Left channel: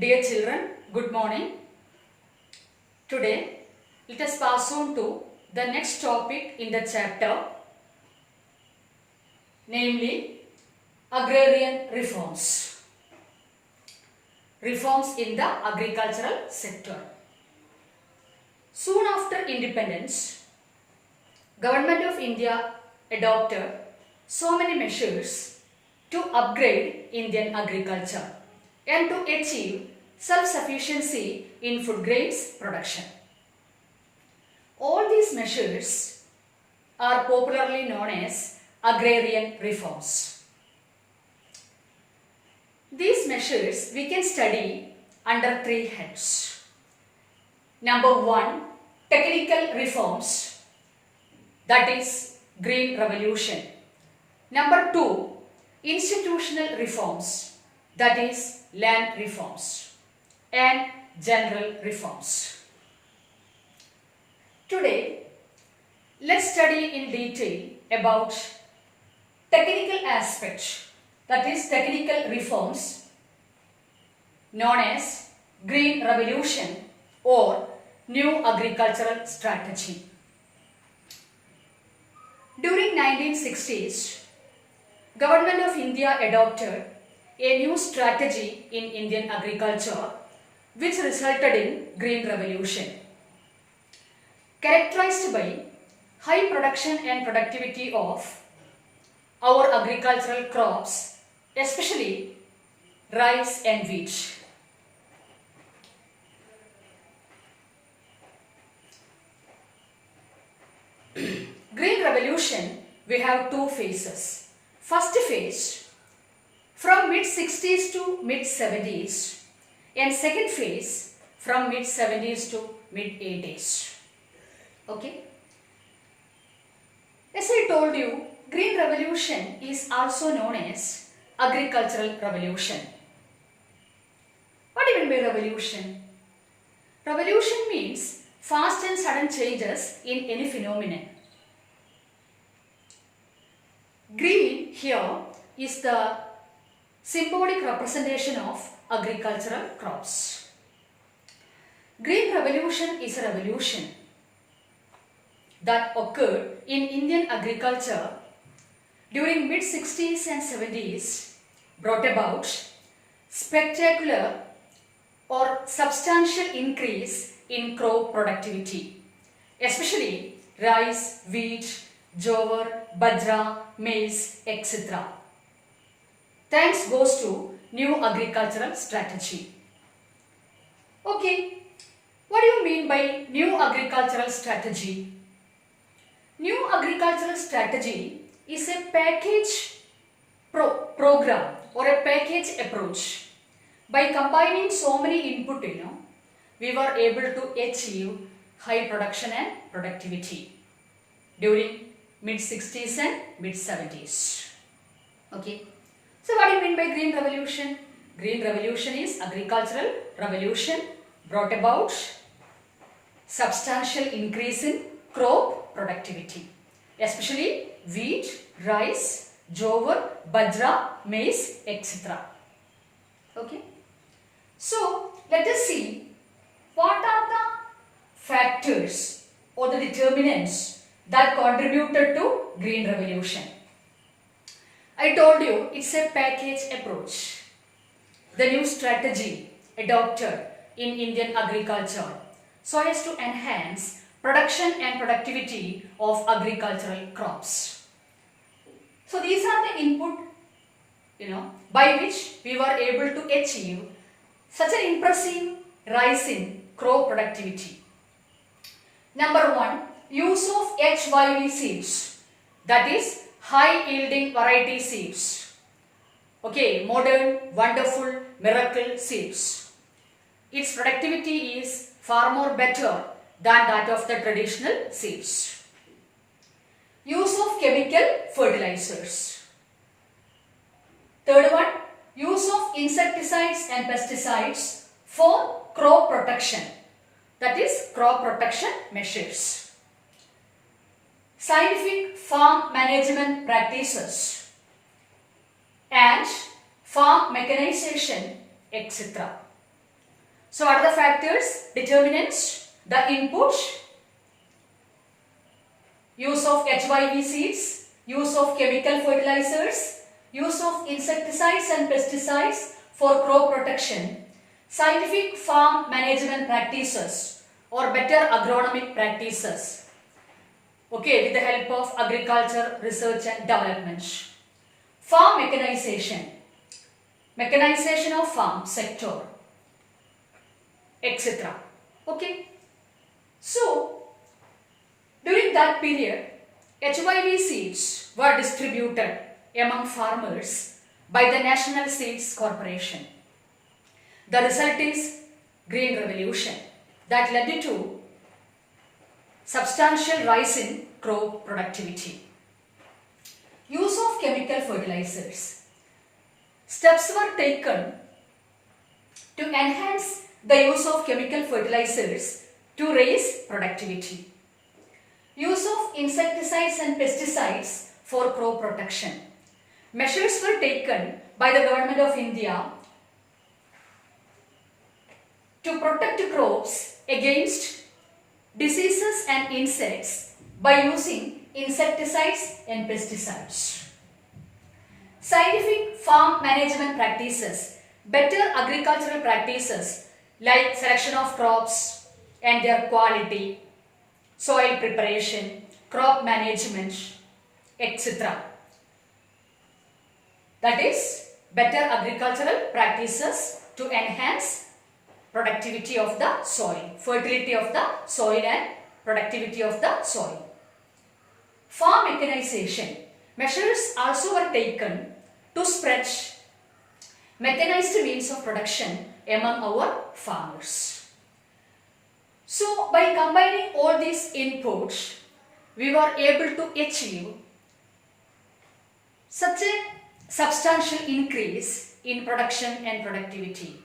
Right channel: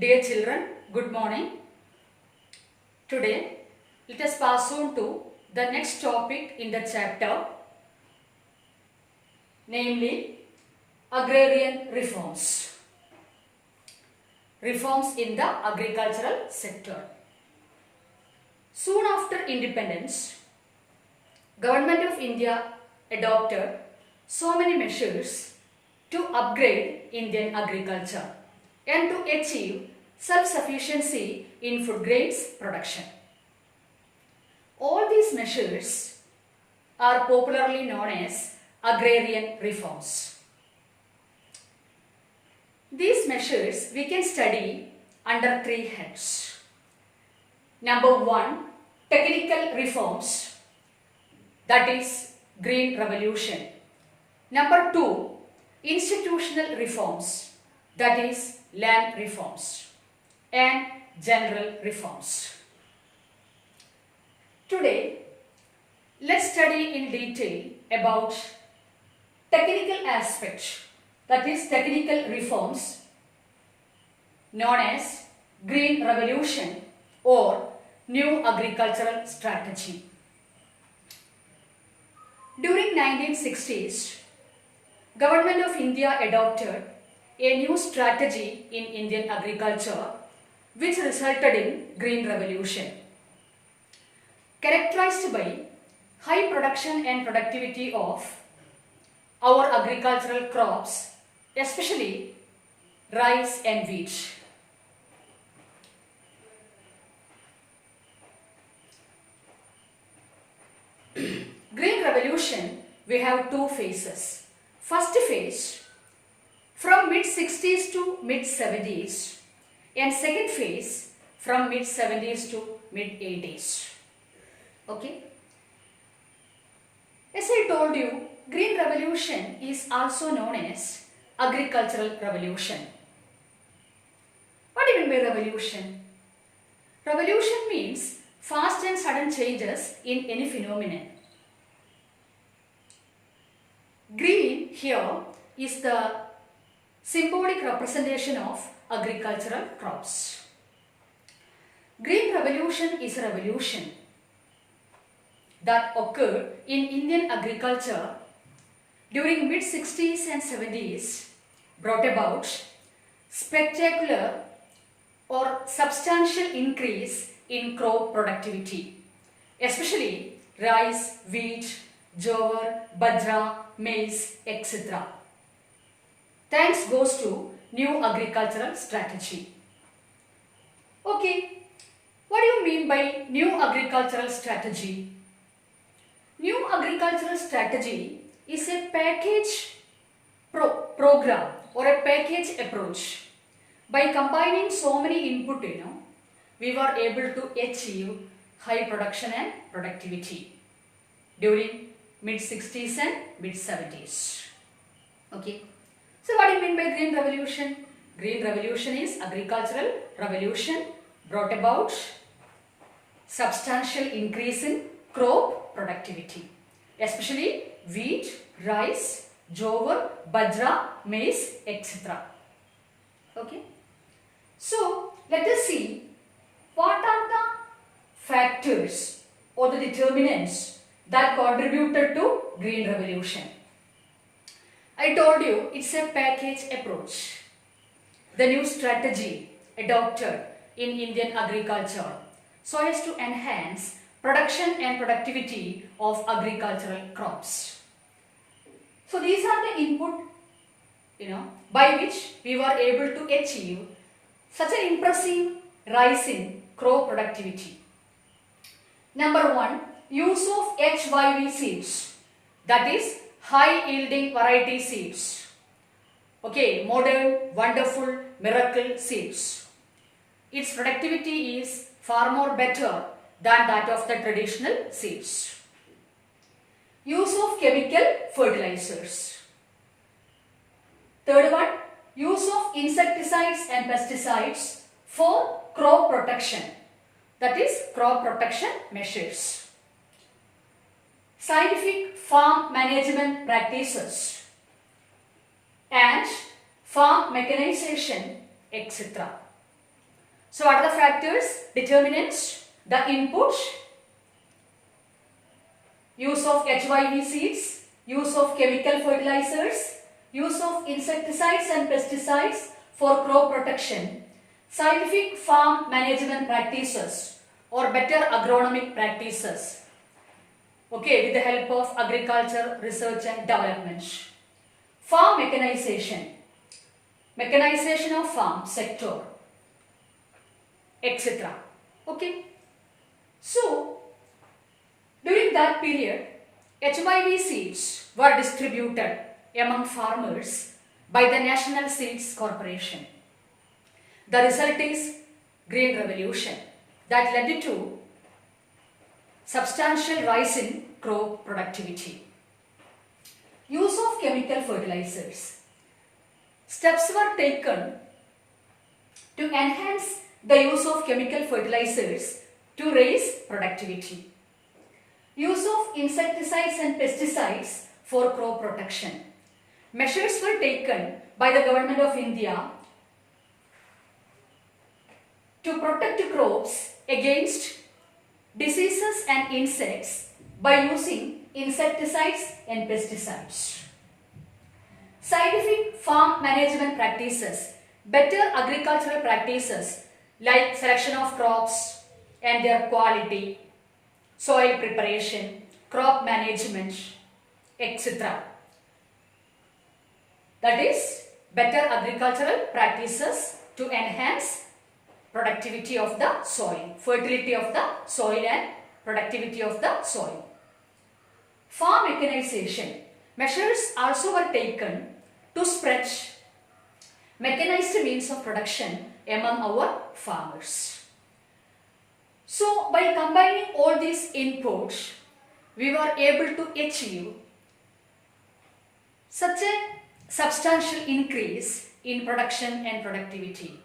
Dear children, good morning. Today, let us pass on to the next topic in the chapter, namely agrarian reforms. Reforms in the agricultural sector. Soon after independence, Government of India adopted so many measures to upgrade Indian agriculture and to achieve self-sufficiency in food grains production. All these measures are popularly known as agrarian reforms. These measures we can study under three heads. Number one, technical reforms, that is Green Revolution. Number two, institutional reforms, that is land reforms, and general reforms. Today, let's study in detail about technical aspects, that is technical reforms known as Green Revolution or New Agricultural Strategy. During 1960s, Government of India adopted a new strategy in Indian agriculture which resulted in Green Revolution. Characterized by high production and productivity of our agricultural crops, especially rice and wheat. Green Revolution, we have two phases. First phase, from mid-60s to mid-70s, and second phase, from mid-70s to mid-80s. Okay? As I told you, Green Revolution is also known as Agricultural Revolution. What do you mean by revolution? Revolution means fast and sudden changes in any phenomenon. Green here is the symbolic representation of agricultural crops. Green Revolution is a revolution that occurred in Indian agriculture during mid-60s and 70s, brought about spectacular or substantial increase in crop productivity, especially rice, wheat, jowar, bajra, maize, etc. Thanks goes to New Agricultural Strategy. Okay, what do you mean by New Agricultural Strategy? New Agricultural Strategy is a package program or a package approach. By combining so many input, we were able to achieve high production and productivity during mid-60s and mid-70s. Okay. So what do you mean by Green Revolution? Green Revolution is agricultural revolution brought about substantial increase in crop productivity, especially wheat, rice, jowar, bajra, maize, etc. Okay. So let us see what are the factors or the determinants that contributed to Green Revolution. I told you it's a package approach. The new strategy adopted in Indian agriculture so as to enhance production and productivity of agricultural crops. So these are the input, by which we were able to achieve such an impressive rise in crop productivity. Number one, use of HYV seeds, that is high yielding variety seeds. Okay, modern, wonderful, miracle seeds. Its productivity is far more better than that of the traditional seeds. Use of chemical fertilizers. Third one, use of insecticides and pesticides for crop protection, that is crop protection measures. Scientific farm management practices and farm mechanization, etc. So what are the factors? Determinants, the input, use of HYV seeds, use of chemical fertilizers, use of insecticides and pesticides for crop protection, scientific farm management practices or better agronomic practices, okay, with the help of agriculture research and development. Farm mechanization, mechanization of farm sector, etc. Okay. So, during that period, HYV seeds were distributed among farmers by the National Seeds Corporation. The result is Green Revolution that led to substantial rise in crop productivity. Use of chemical fertilizers. Steps were taken to enhance the use of chemical fertilizers to raise productivity. Use of insecticides and pesticides for crop protection. Measures were taken by the Government of India to protect crops against diseases and insects by using insecticides and pesticides. Scientific farm management practices, better agricultural practices like selection of crops and their quality, soil preparation, crop management, etc. That is better agricultural practices to enhance productivity of the soil, fertility of the soil and productivity of the soil. Farm mechanization. Measures also were taken to spread mechanized means of production among our farmers. So, by combining all these inputs, we were able to achieve such a substantial increase in production and productivity.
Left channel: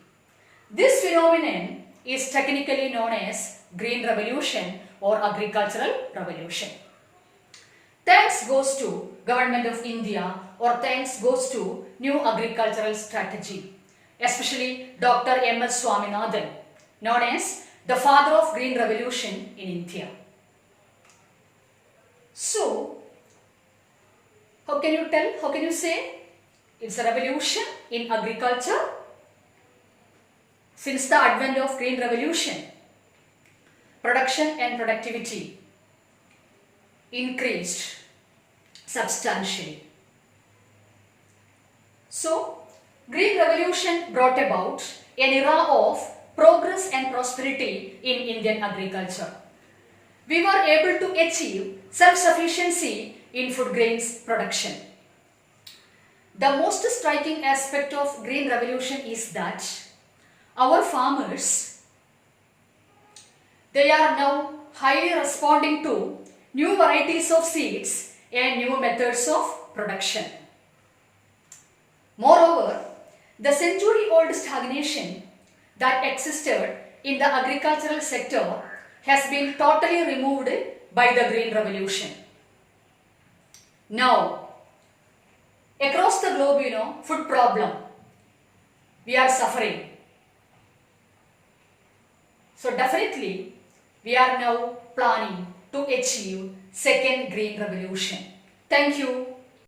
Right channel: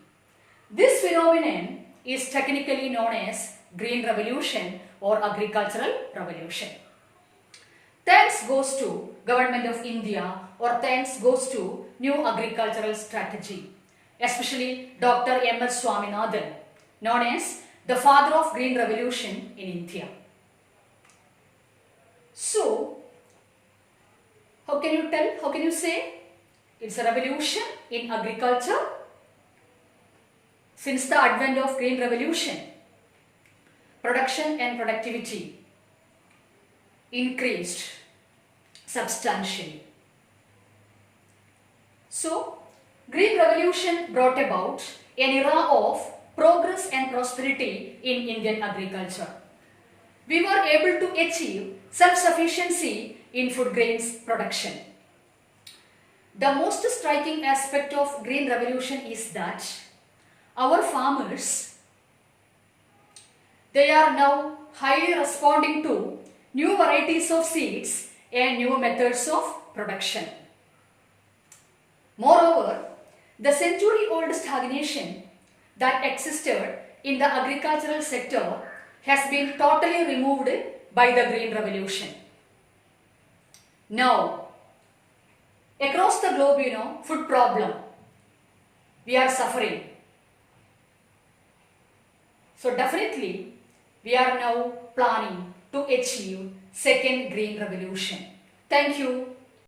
This phenomenon is technically known as Green Revolution or Agricultural Revolution. Thanks goes to Government of India or thanks goes to New Agricultural Strategy, especially Dr. M.S. Swaminathan, known as the father of Green Revolution in India. So, how can you tell, how can you say it's a revolution in agriculture? Since the advent of Green Revolution, production and productivity increased substantially. So, Green Revolution brought about an era of progress and prosperity in Indian agriculture. We were able to achieve self-sufficiency in food grains production. The most striking aspect of Green Revolution is that our farmers, they are now highly responding to new varieties of seeds and new methods of production. Moreover, the century-old stagnation that existed in the agricultural sector has been totally removed by the Green Revolution. Now, across the globe, food problem, we are suffering. So definitely, we are now planning to achieve second Green Revolution. Thank you.